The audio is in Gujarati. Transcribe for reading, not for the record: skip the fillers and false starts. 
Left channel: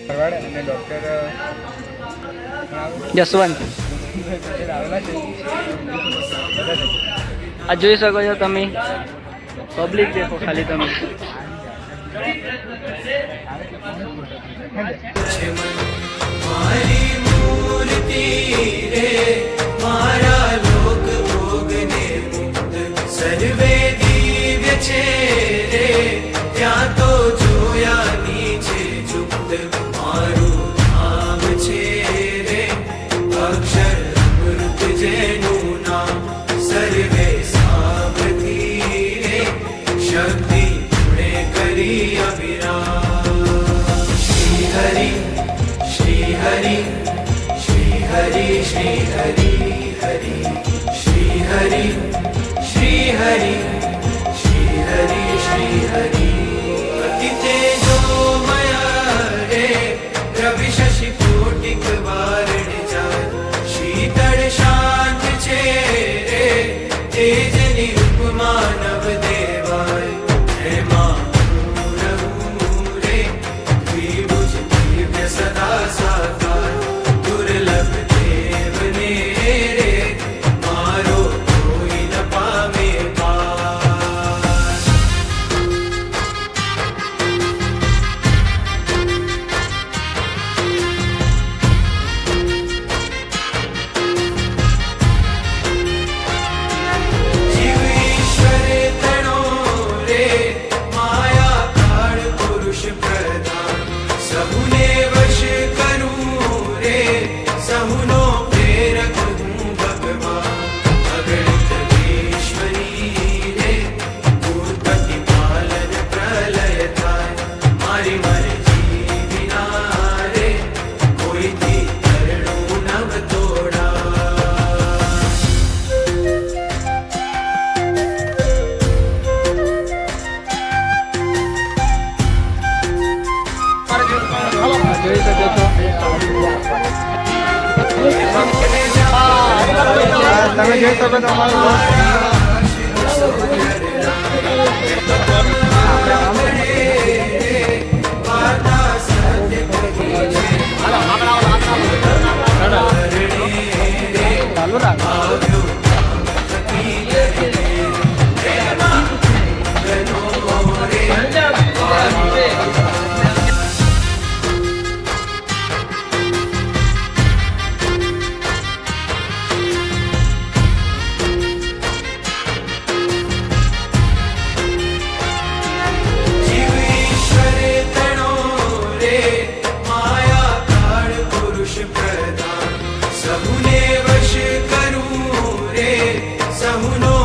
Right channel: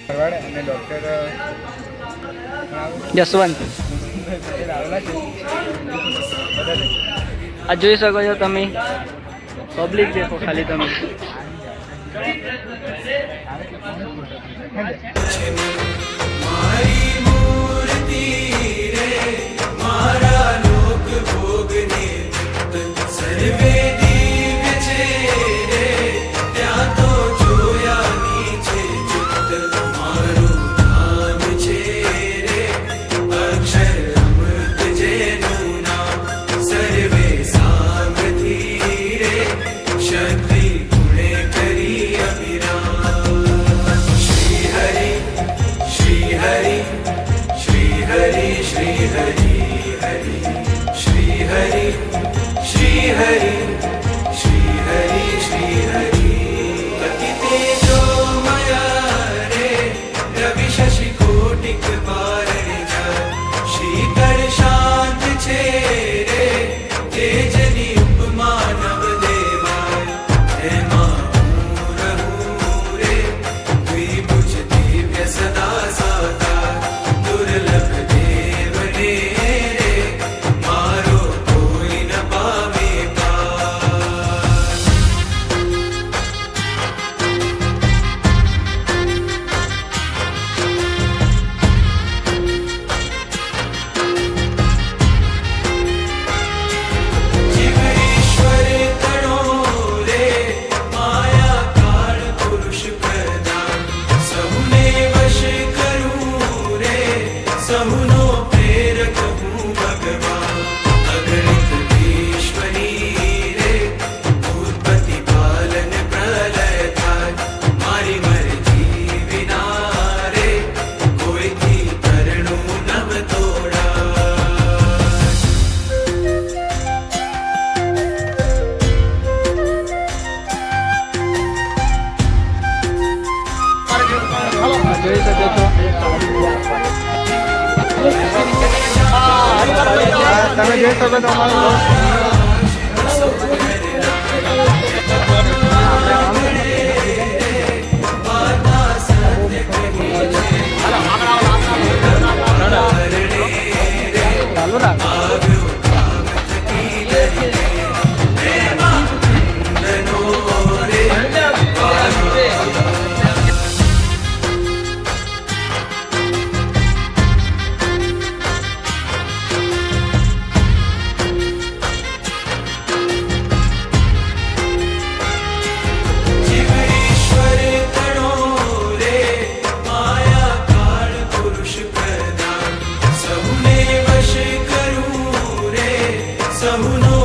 ભરવાડ અને ડૉક્ટર જસવંત આ જોઈ શકો છો તમે, પબ્લિક દેખો ખાલી તમે. મારી મૂર્તિ રે મારા લોક ભોગને સર્વે દિવ્ય છે રે, ત્યાં તો જોયા નીચે જુત મારું ધામ છે રે, અક્ષર અમૃત જેનું નામ સર્વે સામથી રે, શક્તિ ગુણે કરી અવિરામ. શ્રી હરિ શ્રી હરિ શ્રી હરિ શ્રી હરિ હરિ શ્રી હરિ શ્રી હરિ શ્રી હરિ શ્રી હરિ. અતિ તેજોમય રે રવિ શશિ કોટિક વારણ જાત, શીતળ શાંત છે રે તેજની ઉપમા નવ દેવાય, એમાં હું રહું રે દ્વિભુજ દિવ્ય સદા સાકાર, દુર્લભ દેવને રે મારો કોઈ ન પામે પાર. જીવ ઈશ્વર તણો રે માયા કાળ પુરુષ પ્રધાન, સહુને વશ કરું રે સહુનો પ્રેરક હું ભગવાન, અગણિત ઈશ્વરી રે ઉત્પત્તિ પાલન પ્રલય થાય, મારી મરજી વિના રે કોઈથી તરણું નવ તોડાય. જોઈ શકો છો. તમે જોઈ શકો છો અમારું ચાલુ રાખ. જીવ ઈશ્વર તણો રે માયા કાળ પુરુષ પ્રધાન, સહુને વશ કરું રે સહુનો